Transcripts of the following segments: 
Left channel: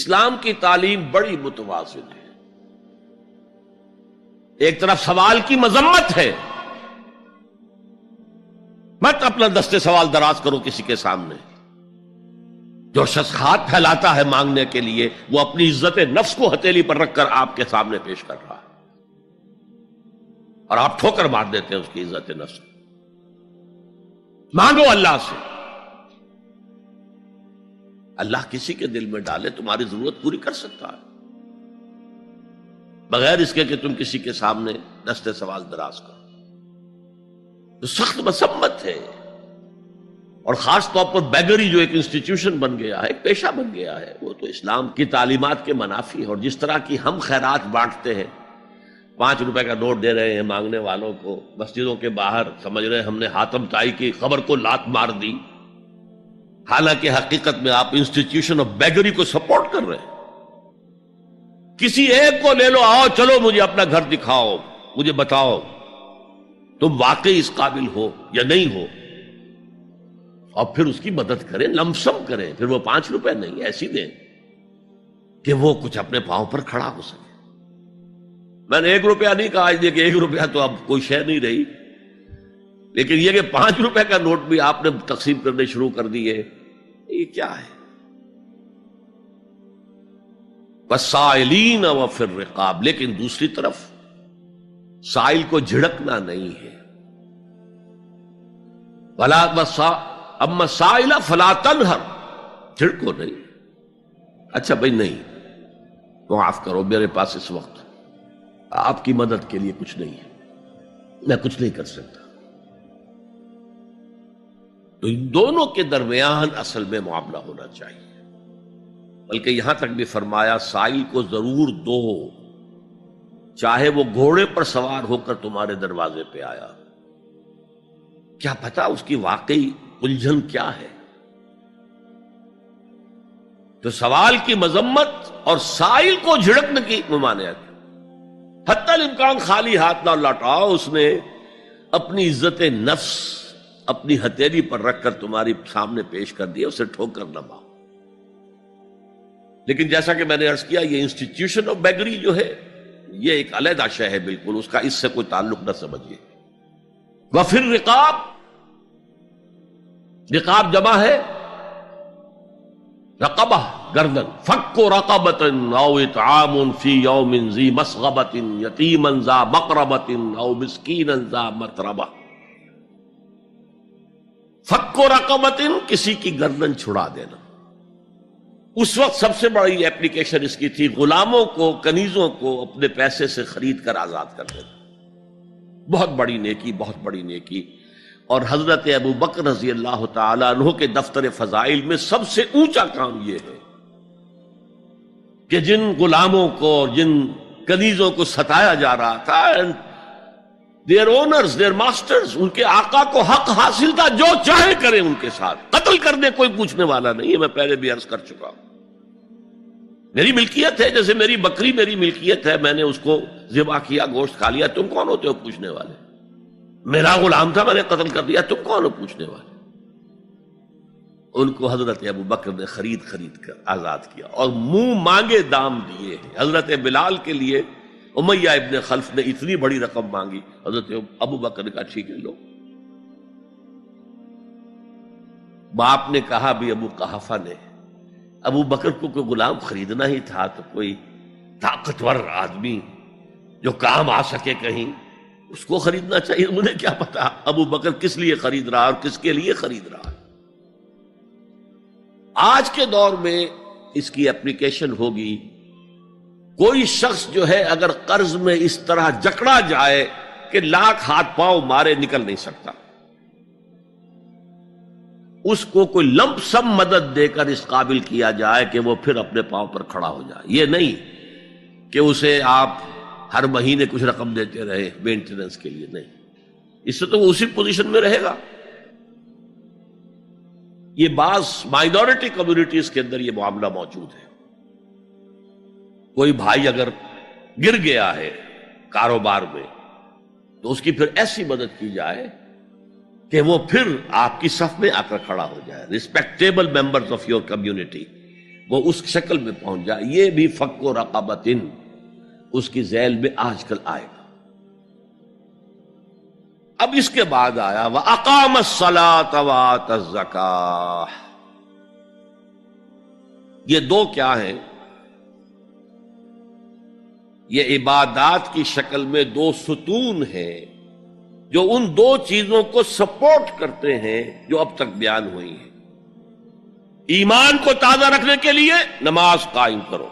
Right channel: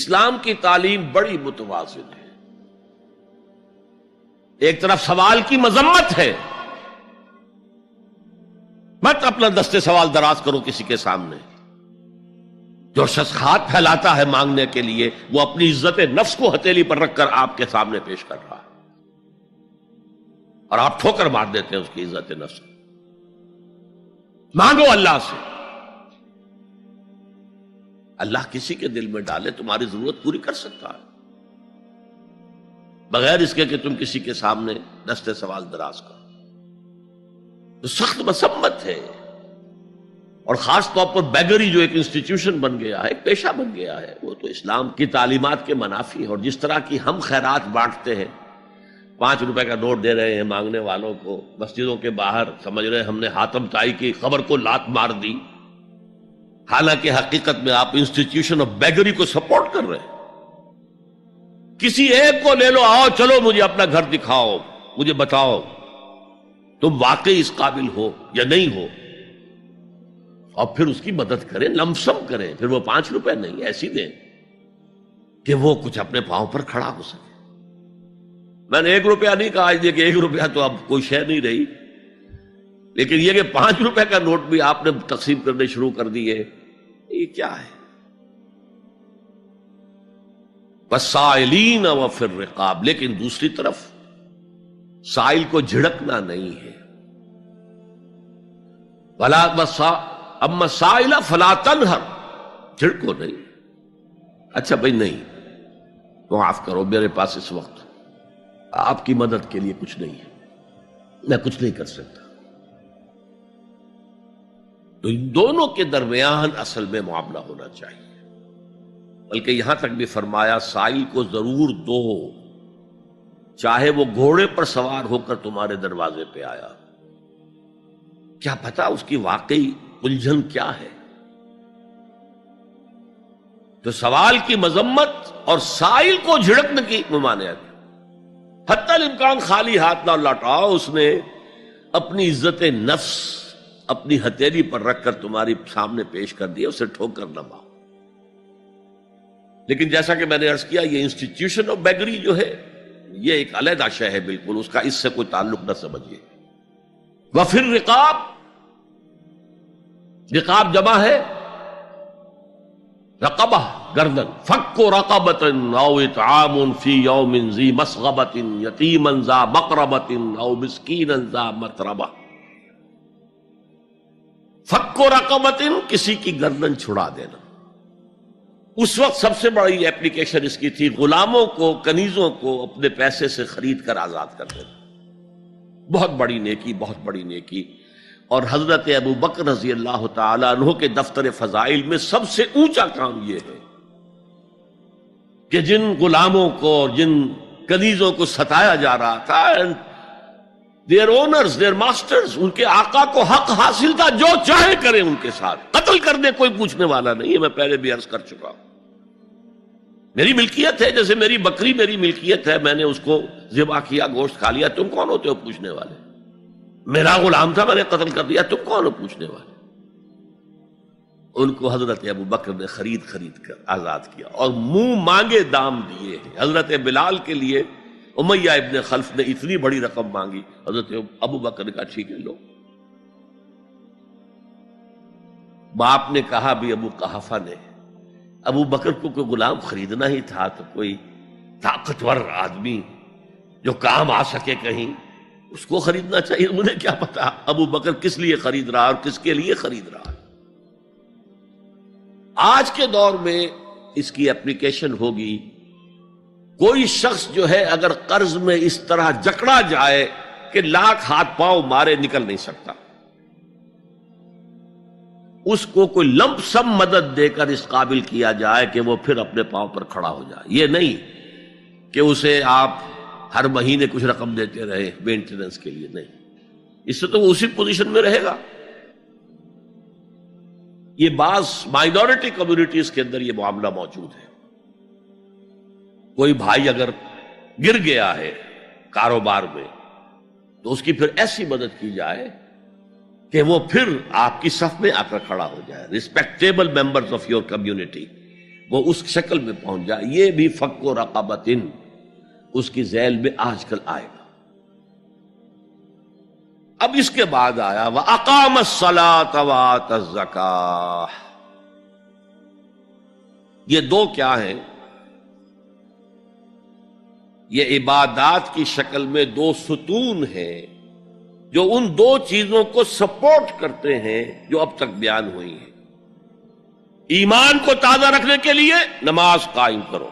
اسلام کی تعلیم بڑی متوازن ہے. ایک طرف سوال کی مذمت ہے، مت اپنا دستے سوال دراز کرو کسی کے سامنے. جو شخص ہاتھ پھیلاتا ہے مانگنے کے لیے وہ اپنی عزت نفس کو ہتھیلی پر رکھ کر آپ کے سامنے پیش کر رہا ہے، اور آپ ٹھوکر مار دیتے ہیں اس کی عزت نفس کو. مانگو اللہ سے، اللہ کسی کے دل میں ڈالے تمہاری ضرورت پوری کر سکتا ہے، بغیر اس کے کہ تم کسی کے سامنے دستے سوال دراز کرو. تو سخت مذمت ہے. اور خاص طور پر بیگری جو ایک انسٹیٹیوشن بن گیا ہے، ایک پیشہ بن گیا ہے، وہ تو اسلام کی تعلیمات کے منافی ہے. اور جس طرح کی ہم خیرات بانٹتے ہیں، 5 روپے کا نوٹ دے رہے ہیں مانگنے والوں کو مسجدوں کے باہر، سمجھ رہے ہم نے حاتم طائی کی خبر کو لات مار دی، حالانکہ حقیقت میں آپ انسٹیٹیوشن آف بیگری کو سپورٹ کر رہے ہیں. کسی ایک کو لے لو، آؤ چلو مجھے اپنا گھر دکھاؤ، مجھے بتاؤ تم واقعی اس قابل ہو یا نہیں ہو، اور پھر اس کی مدد کریں، لمسم کریں. پھر وہ 5 روپے نہیں ایسی دیں کہ وہ کچھ اپنے پاؤں پر کھڑا ہو سکے. میں نے 1 روپیہ نہیں کہا، آج کہ 1 روپیہ تو اب کوئی شے نہیں رہی، لیکن یہ کہ 5 روپے کا نوٹ بھی آپ نے تقسیم کرنے شروع کر دیے، یہ کیا ہے؟ وَالسَّائِلِينَ وَفِي الرِّقَابِ. لیکن دوسری طرف سائل کو جھڑکنا نہیں ہے. اما السائل فلا تنہر، جھڑکو نہیں. اچھا بھائی نہیں، معاف کرو، میرے پاس اس وقت آپ کی مدد کے لیے کچھ نہیں ہے، میں کچھ نہیں کر سکتا. تو ان دونوں کے درمیان اصل میں معاملہ ہونا چاہیے. بلکہ یہاں تک بھی فرمایا سائل کو ضرور دو، چاہے وہ گھوڑے پر سوار ہو کر تمہارے دروازے پہ آیا. کیا پتا اس کی واقعی الجھن کیا ہے. تو سوال کی مذمت اور سائل کو جھڑکنے کی ممانعت. حتی الامکان خالی ہاتھ نہ لوٹاؤ، اس نے اپنی عزت نفس اپنی ہتھیلی پر رکھ کر تمہاری سامنے پیش کر دیا، اسے ٹھوکر نہ مارو. لیکن جیسا کہ میں نے عرض کیا، یہ انسٹیٹیوشن آف بیگری جو ہے یہ ایک علیحدہ شے ہے، بالکل اس کا اس سے کوئی تعلق نہ سمجھیے. وفی الرقاب، رقاب جمع ہے رقبہ، گردن. فک رقبۃ او اطعام فی یوم ذی مسغبۃ یتیما ذا مقربۃ او مسکینا ذا متربہ. فک رقبۃ، کسی کی گردن چھڑا دینا. اس وقت سب سے بڑی ایپلیکیشن اس کی تھی غلاموں کو، کنیزوں کو اپنے پیسے سے خرید کر آزاد کر دینا. بہت بڑی نیکی، بہت بڑی نیکی. اور حضرت ابو بکر رضی اللہ تعالیٰ عنہ کے دفتر فضائل میں سب سے اونچا کام یہ ہے کہ جن غلاموں کو اور جن کنیزوں کو ستایا جا رہا تھا، دیئر اونرز، دیئر ماسٹرز، ان کے آقا کو حق حاصل تھا، جو چاہے کریں ان کے ساتھ، قتل کرنے کوئی پوچھنے والا نہیں ہے. میں پہلے بھی عرض کر چکا ہوں، میری ملکیت ہے، جیسے میری بکری میری ملکیت ہے، میں نے اس کو ذبح کیا، گوشت کھا لیا، تم کون ہوتے ہو پوچھنے والے؟ میرا غلام تھا، میں نے قتل کر دیا، تم کون ہو پوچھنے والے؟ ان کو حضرت ابو بکر نے خرید کر آزاد کیا اور منہ مانگے دام دیے. حضرت بلال کے لیے امیہ ابن خلف نے اتنی بڑی رقم مانگی، حضرت ابو بکر نے کہا ٹھیک ہے لو. باپ نے کہا بھی، ابو قحافہ نے، ابو بکر کو کوئی غلام خریدنا ہی تھا تو کوئی طاقتور آدمی جو کام آ سکے کہیں، اس کو خریدنا چاہیے. مجھے کیا پتا ابو بکر کس لیے خرید رہا اور کس کے لیے خرید رہا. آج کے دور میں اس کی اپلیکیشن ہوگی. کوئی شخص جو ہے اگر قرض میں اس طرح جکڑا جائے کہ لاکھ ہاتھ پاؤں مارے نکل نہیں سکتا، اس کو کوئی لمپ سم مدد دے کر اس قابل کیا جائے کہ وہ پھر اپنے پاؤں پر کھڑا ہو جائے. یہ نہیں کہ اسے آپ ہر مہینے کچھ رقم دیتے رہے مینٹیننس کے لیے، نہیں، اس سے تو وہ اسی پوزیشن میں رہے گا. یہ بعض مائنورٹی کمیونٹیز کے اندر یہ معاملہ موجود ہے. کوئی بھائی اگر گر گیا ہے کاروبار میں تو اس کی پھر ایسی مدد کی جائے کہ وہ پھر آپ کی صف میں آ کر کھڑا ہو جائے. Respectable members of your community وہ اس شکل میں پہنچ جائے. یہ بھی فک و رقبتن اس کی ذیل میں آج کل آئے گا. اب اس کے بعد آیا وَأَقَامَ الصَّلَاةَ وَآتَى الزَّكَاةَ. یہ دو کیا ہیں؟ یہ عبادات کی شکل میں دو ستون ہیں جو ان دو چیزوں کو سپورٹ کرتے ہیں جو اب تک بیان ہوئی ہیں. ایمان کو تازہ رکھنے کے لیے نماز قائم کرو.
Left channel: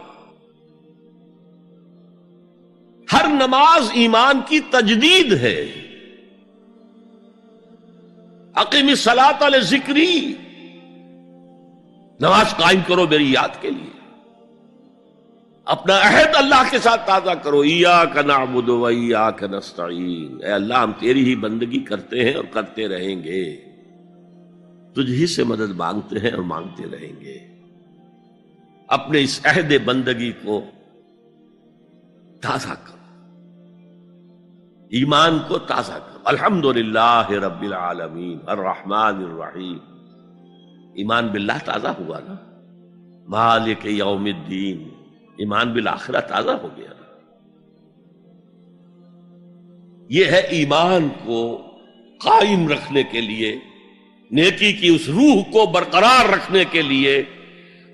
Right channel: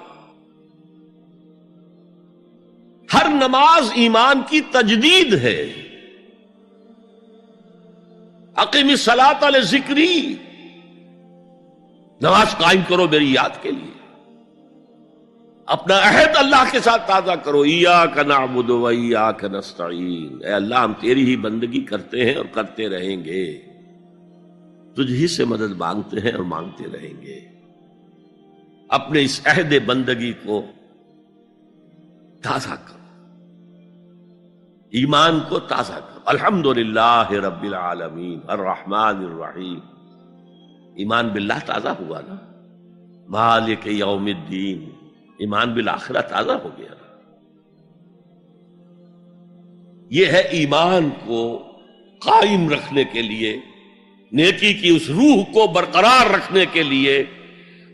ہر نماز ایمان کی تجدید ہے. اقیم الصلاۃ لذکری، نماز قائم کرو میری یاد کے لیے. اپنا عہد اللہ کے ساتھ تازہ کرو. ایاک نعبد و ایاک نستعین، اے اللہ ہم تیری ہی بندگی کرتے ہیں اور کرتے رہیں گے، تجھ ہی سے مدد مانگتے ہیں اور مانگتے رہیں گے. اپنے اس عہد بندگی کو تازہ کرو، ایمان کو تازہ کرو. الحمدللہ رب العالمین الرحمن الرحیم. ایمان باللہ تازہ ہوا نا. مالک یوم الدین، ایمان بالآخرہ تازہ ہو گیا نا. یہ ہے ایمان کو قائم رکھنے کے لیے، نیکی کی اس روح کو برقرار رکھنے کے لیے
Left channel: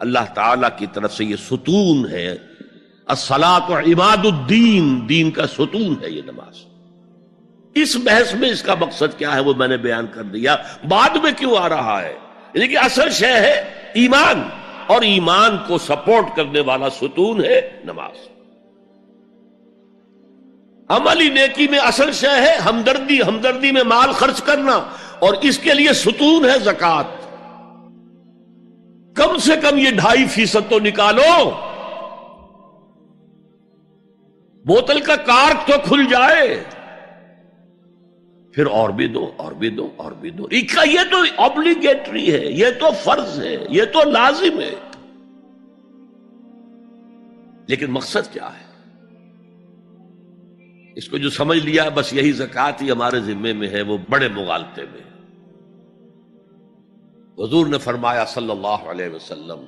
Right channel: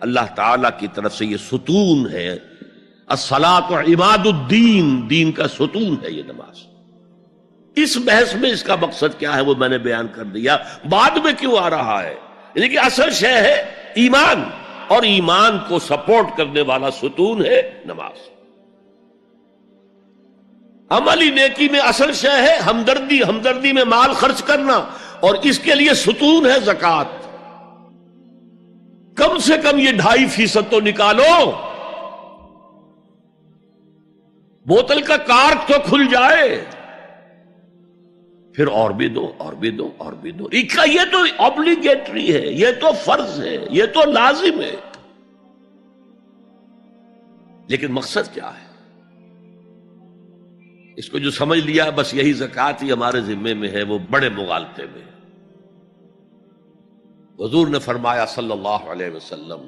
اللہ تعالی کی طرف سے یہ ستون ہے. الصلاۃ عماد الدین، دین کا ستون ہے یہ نماز. اس بحث میں اس کا مقصد کیا ہے وہ میں نے بیان کر دیا. بعد میں کیوں آ رہا ہے؟ یعنی کہ اصل شے ہے ایمان، اور ایمان کو سپورٹ کرنے والا ستون ہے نماز. عملی نیکی میں اصل شے ہے ہمدردی، ہمدردی میں مال خرچ کرنا، اور اس کے لیے ستون ہے زکوٰۃ. کم سے کم یہ 2.5% تو نکالو، بوتل کا کارک تو کھل جائے، پھر اور بھی دو اور بھی دو اور بھی دو. یہ تو obligatory ہے، یہ تو فرض ہے، یہ تو لازم ہے. لیکن مقصد کیا ہے؟ اس کو جو سمجھ لیا بس یہی زکوٰۃ ہی ہمارے ذمے میں ہے، وہ بڑے مغالطے میں. حضور نے فرمایا صلی اللہ علیہ وسلم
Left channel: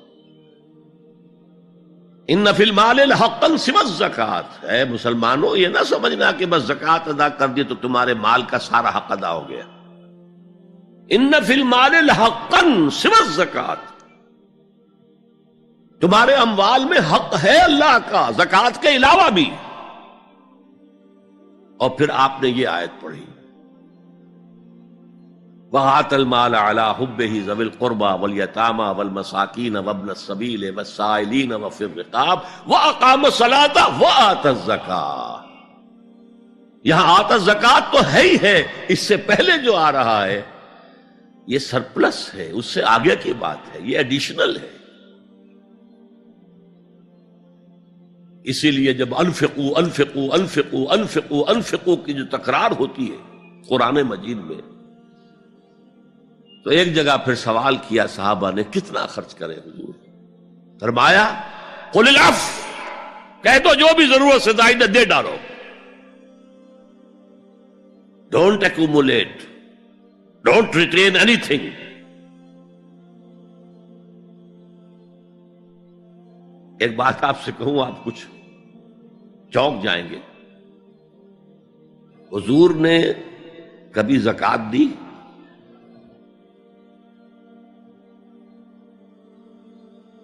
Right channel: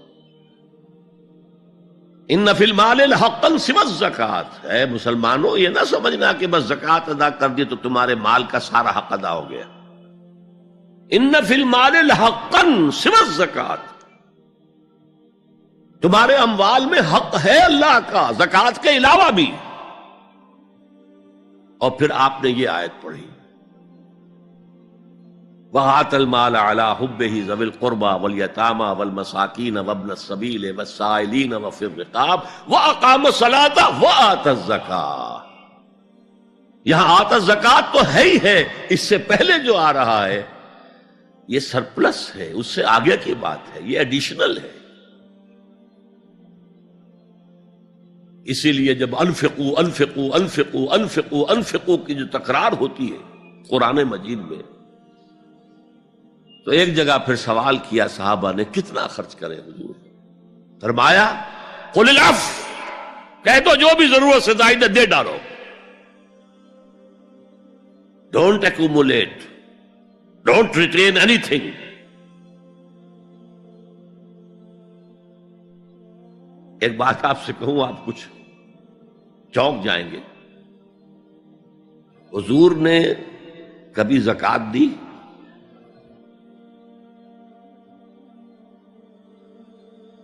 ان فی المال حقا سوى الزکوٰۃ. اے مسلمانوں یہ نہ سمجھنا کہ بس زکوٰۃ ادا کر دی تو تمہارے مال کا سارا حق ادا ہو گیا. ان فی المال حقا سوى الزکوٰۃ، تمہارے اموال میں حق ہے اللہ کا زکوٰۃ کے علاوہ بھی. اور پھر آپ نے یہ آیت پڑھی وَآتَى الْمَالَ عَلَىٰ حُبِّهِ ذَوِي الْقُرْبَىٰ وَالْيَتَامَىٰ وَالْمَسَاكِينَ وَابْنَ السَّبِيلِ وَالسَّائِلِينَ وَفِي الرِّقَابِ وَأَقَامَ الصَّلَاةَ وَآتَى الزَّكَاةَ. یہاں آتا زکوٰۃ تو ہے ہی ہے، اس سے پہلے جو آ رہا ہے یہ سرپلس ہے، اس سے آگے کی بات ہے، یہ ایڈیشنل ہے. اسی لیے جب انفقوا انفقوا انفقوا انفقوا انفقوا کی جو تکرار ہوتی ہے قرآن مجید میں، تو ایک جگہ پھر سوال کیا صحابہ نے کتنا خرچ کریں حضور؟ فرمایا قل العفو، کہہ دو جو بھی ضرورت سے زائد دے ڈالو. Don't accumulate, don't retain any thing. ایک بات آپ سے کہوں، آپ کچھ چونک جائیں گے. حضور نے کبھی زکوٰۃ دی؟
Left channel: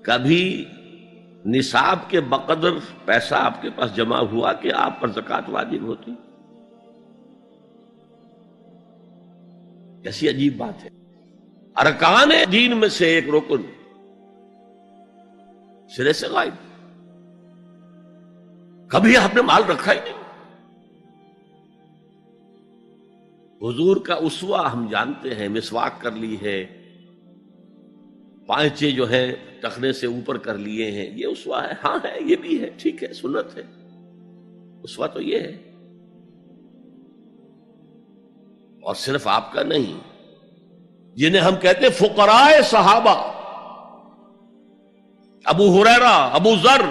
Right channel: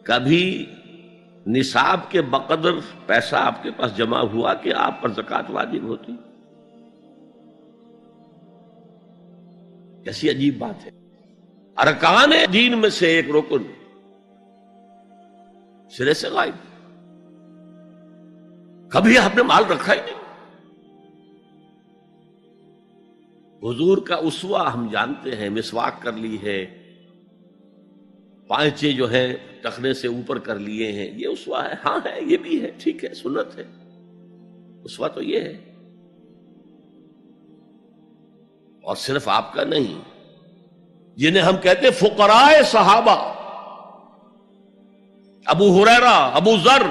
کبھی نصاب کے بقدر پیسہ آپ کے پاس جمع ہوا کہ آپ پر زکوٰۃ واجب ہوتی؟ کیسی عجیب بات ہے. ارکان دین میں سے ایک رکن سرے سے غائب. کبھی آپ نے مال رکھا ہی نہیں. حضور کا اسوہ ہم جانتے ہیں، مسواک کر لی ہے، پانچے جو ہے ٹخنے سے اوپر کر لیے ہیں، یہ اسوہ ہے. ہاں ہے، یہ بھی ہے، ٹھیک ہے، سنت ہے. اسوہ تو یہ ہے. اور صرف آپ کا نہیں، جنہیں ہم کہتے ہیں فقراء صحابہ، ابو ہریرہ، ابو ذر،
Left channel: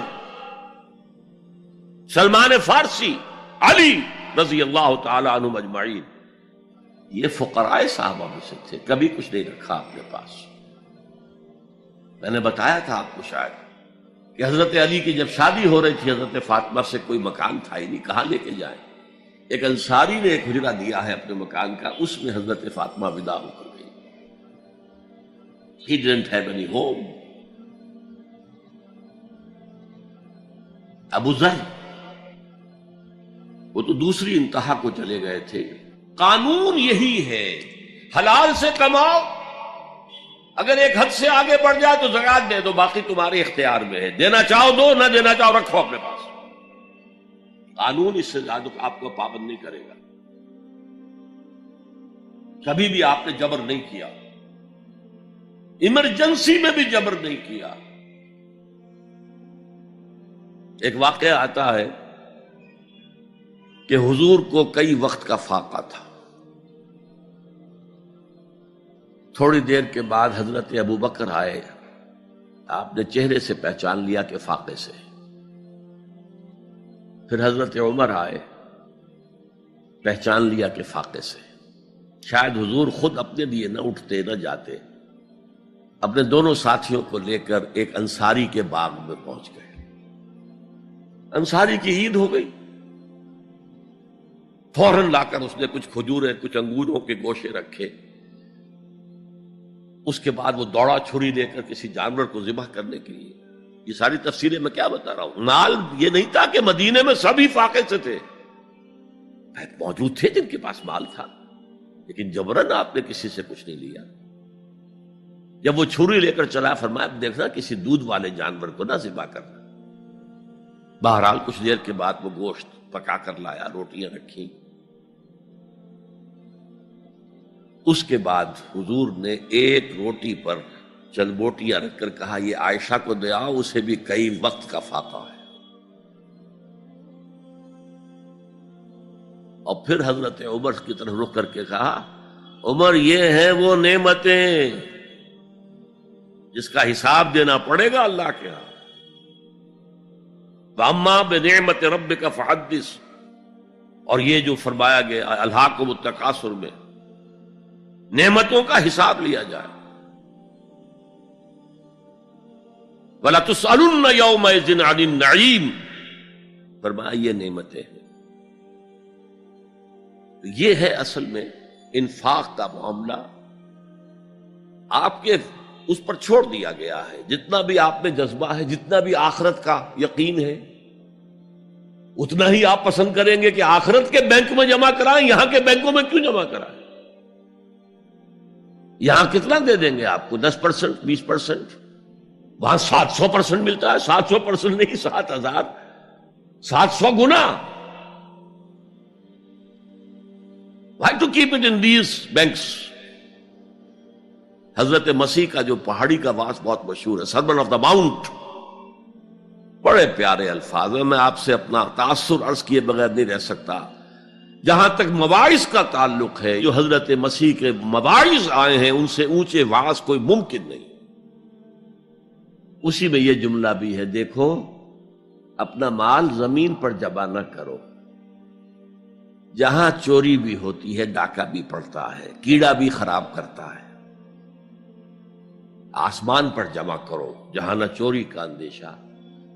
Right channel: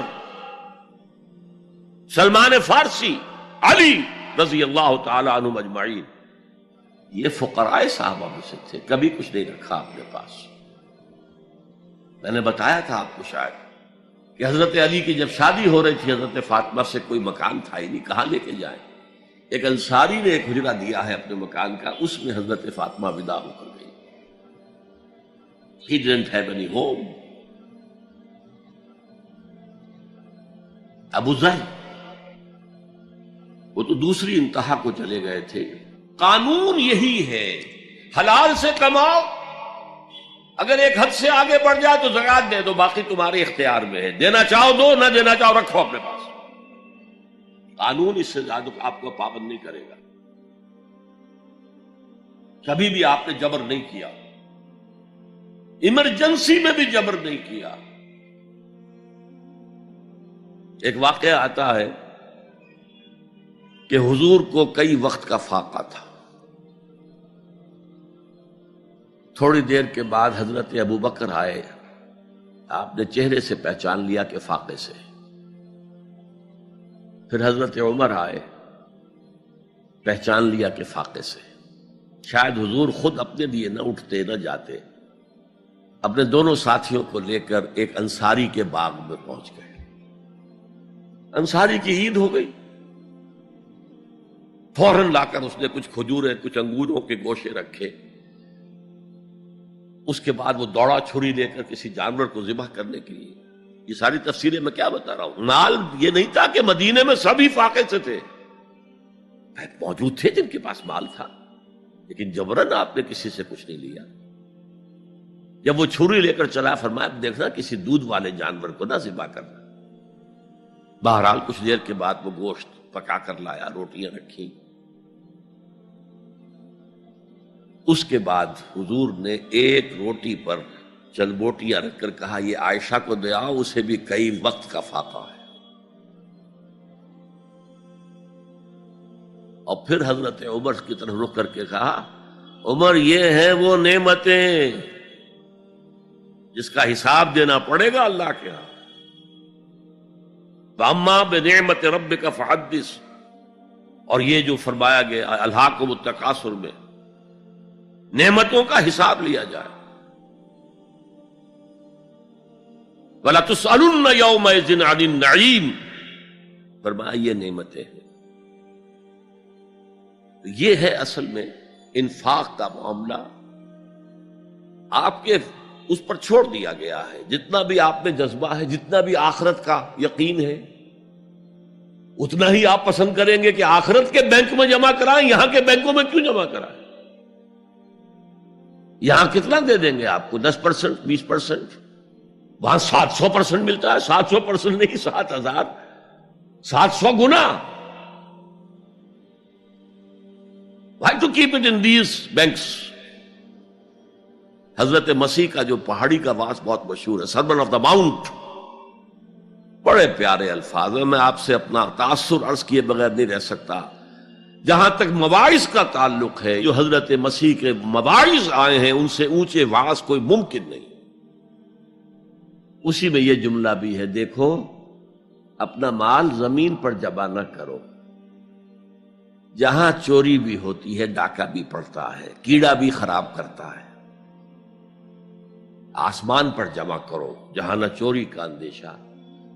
سلمان فارسی، علی رضی اللہ تعالی عنہ اجمعین، یہ فقراء صحابہ میں سے تھے. کبھی کچھ نہیں رکھا اپنے پاس. میں نے بتایا تھا آپ کو شاید کہ حضرت علی کی جب شادی ہو رہی تھی حضرت فاطمہ سے، کوئی مکان تھا ہی نہیں، کہاں لے کے جائیں؟ ایک انصاری نے ایک حجرہ دیا ہے اپنے مکان کا، اس میں حضرت فاطمہ ودا ہو کر گئی. He didn't have any home. ابو ذر وہ تو دوسری انتہا کو چلے گئے تھے. قانون یہی ہے، حلال سے کماؤ، اگر ایک حد سے آگے بڑھ جائے تو زکات دے دو، باقی تمہارے اختیار میں ہے، دینا چاہو دو، نہ دینا چاہو رکھو اپنے پاس. قانون اس سے زیادہ آپ کو پابند نہیں کرے گا. کبھی بھی آپ نے جبر نہیں کیا، ایمرجنسی میں بھی جبر نہیں کیا. ایک واقعہ آتا ہے کہ حضور کو کئی وقت کا فاقہ تھا. تھوڑی دیر کے بعد حضرت ابو بکر آئے، آپ نے چہرے سے پہچان لیا کہ فاقے سے. پھر حضرت عمر آئے، پہچان لیا کہ فاقے سے. شاید حضور خود اپنے لیے نہ اٹھتے نہ جاتے، اپنے دونوں ساتھیوں کو لے کر ایک انصاری کے باغ میں پہنچ گئے. انصاری کی عید ہو گئی، فوراً لا کر اس نے کچھ کھجوریں کچھ انگوروں کے گوشے رکھے. اس کے بعد وہ دوڑا چھری لے کر کسی جانور کو ذبح کرنے کے لیے. یہ ساری تفسیریں میں کیا بتا رہا ہوں. مال یہ نہیں تھا کہ مدینے میں سبھی فاقے سے تھے، موجود تھے جن کے پاس مال تھا، لیکن جبرن آپ نے کسی سے کچھ نہیں لیا. جب وہ چھری لے کر چلا، فرمایا دیکھنا کسی دودھ والے جانور کو نہ ذبح کرنا. بہرحال کچھ دیر کے بعد وہ گوشت پکا کر لایا، روٹیاں رکھی. اس کے بعد حضور نے ایک روٹی پر چند بوٹیاں رکھ کر کہا یہ عائشہ کو دے آؤ، اسے بھی کئی وقت کا فاقہ ہے. اور پھر حضرت عمر کی طرف رخ کر کے کہا عمر یہ ہے وہ نعمتیں جس کا حساب دینا پڑے گا اللہ کے ہاں. وَأَمَّا بِنِعْمَةِ رَبِّكَ فَحَدِّثْ، اور یہ جو فرمایا گیا الہاکم التکاثر میں نعمتوں کا حساب لیا جائے. وَلَا تُسْأَلُنَّ يَوْمَئِذٍ عَنِ النَّعِيمِ، فرمایا یہ نعمتیں ہیں. یہ ہے اصل میں انفاق کا معاملہ. آپ کے اس پر چھوڑ دیا گیا ہے. جتنا بھی آپ میں جذبہ ہے، جتنا بھی آخرت کا یقین ہے، اتنا ہی آپ پسند کریں گے کہ آخرت کے بینک میں جمع کرائیں، یہاں کے بینکوں میں کیوں جمع کرائیں. یہاں کتنا دے دیں گے آپ کو؟ 10%، 20%. وہاں 700% ملتا ہے. 700% نہیں، 7,000، 700 گنا. Why to keep it in these banks؟ حضرت مسیح کا جو پہاڑی کا واس بہت مشہور ہے، سرمن آف دا ماؤنٹ، بڑے پیارے الفاظ ہیں. میں آپ سے اپنا تاثر عرض کیے بغیر نہیں رہ سکتا. جہاں تک مواعظ کا تعلق ہے، جو حضرت مسیح کے مواعظ آئے ہیں ان سے اونچے واعظ کوئی ممکن نہیں. اسی میں یہ جملہ بھی ہے، دیکھو اپنا مال زمین پر جمع نہ کرو. جہاں چوری بھی ہوتی ہے ڈاکہ بھی پڑتا ہے، کیڑا بھی خراب کرتا ہے. آسمان پر جمع کرو جہاں نہ چوری کا اندیشہ،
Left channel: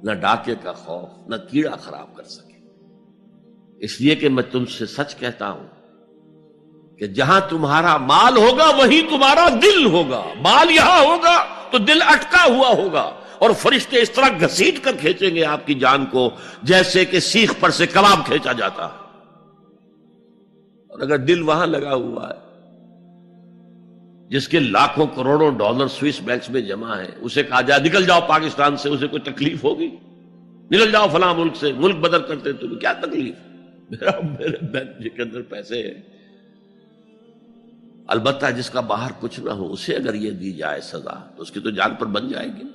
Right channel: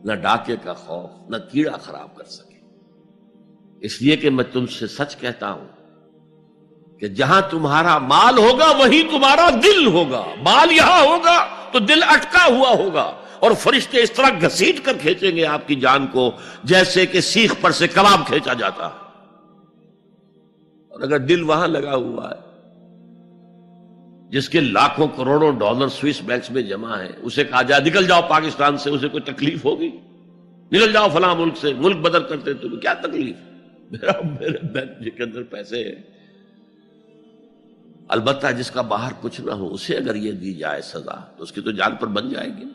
نہ ڈاکے کا خوف، نہ کیڑا خراب کر سکے. اس لیے کہ میں تم سے سچ کہتا ہوں کہ جہاں تمہارا مال ہوگا وہی تمہارا دل ہوگا. مال یہاں ہوگا تو دل اٹکا ہوا ہوگا، اور فرشتے اس طرح گھسیٹ کر کھینچیں گے آپ کی جان کو جیسے کہ سیخ پر سے کباب کھینچا جاتا ہے. اور اگر دل وہاں لگا ہوا ہے جس کے لاکھوں کروڑوں ڈالر سوئس بینکس میں جمع ہیں، اسے کہا جائے نکل جاؤ پاکستان سے، اسے کوئی تکلیف ہوگی؟ نکل جاؤ فلاں ملک سے، ملک بدل کرتے تو کیا تکلیف؟ میرے بینک کے اندر پیسے ہیں. البتہ جس کا باہر کچھ نہ ہو اسے اگر یہ دی جائے سزا تو اس کی تو جان پر بن جائے گی.